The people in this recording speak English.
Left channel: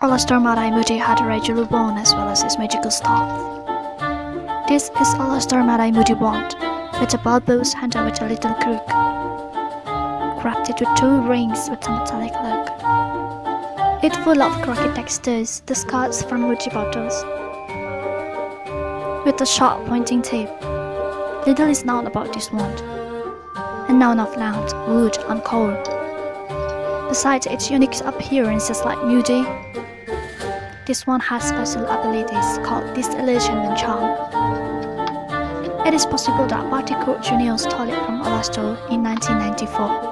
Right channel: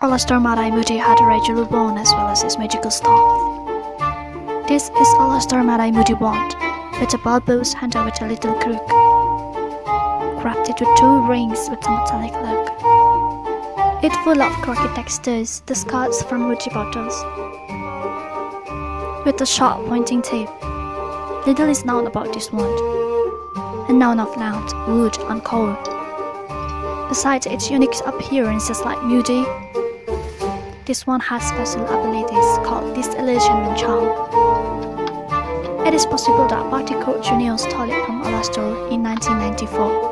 Alastor Mad Eye Moody had a regular wand as well as his magical staff. This is Alastor Madeyemoodywand, with a bulbous handle with a little crook, crafted with 2 rings with a metallic look. It's full of crooked textures, discards from Moody bottles, with a sharp pointing tip. Little is known about this wand, and none of land, wood, and coal. Besides its unique appearance just like Moody, this one has special abilities called disillusionment charm. It is possible that Barty Court Jr. stole it from Alastor in 1994.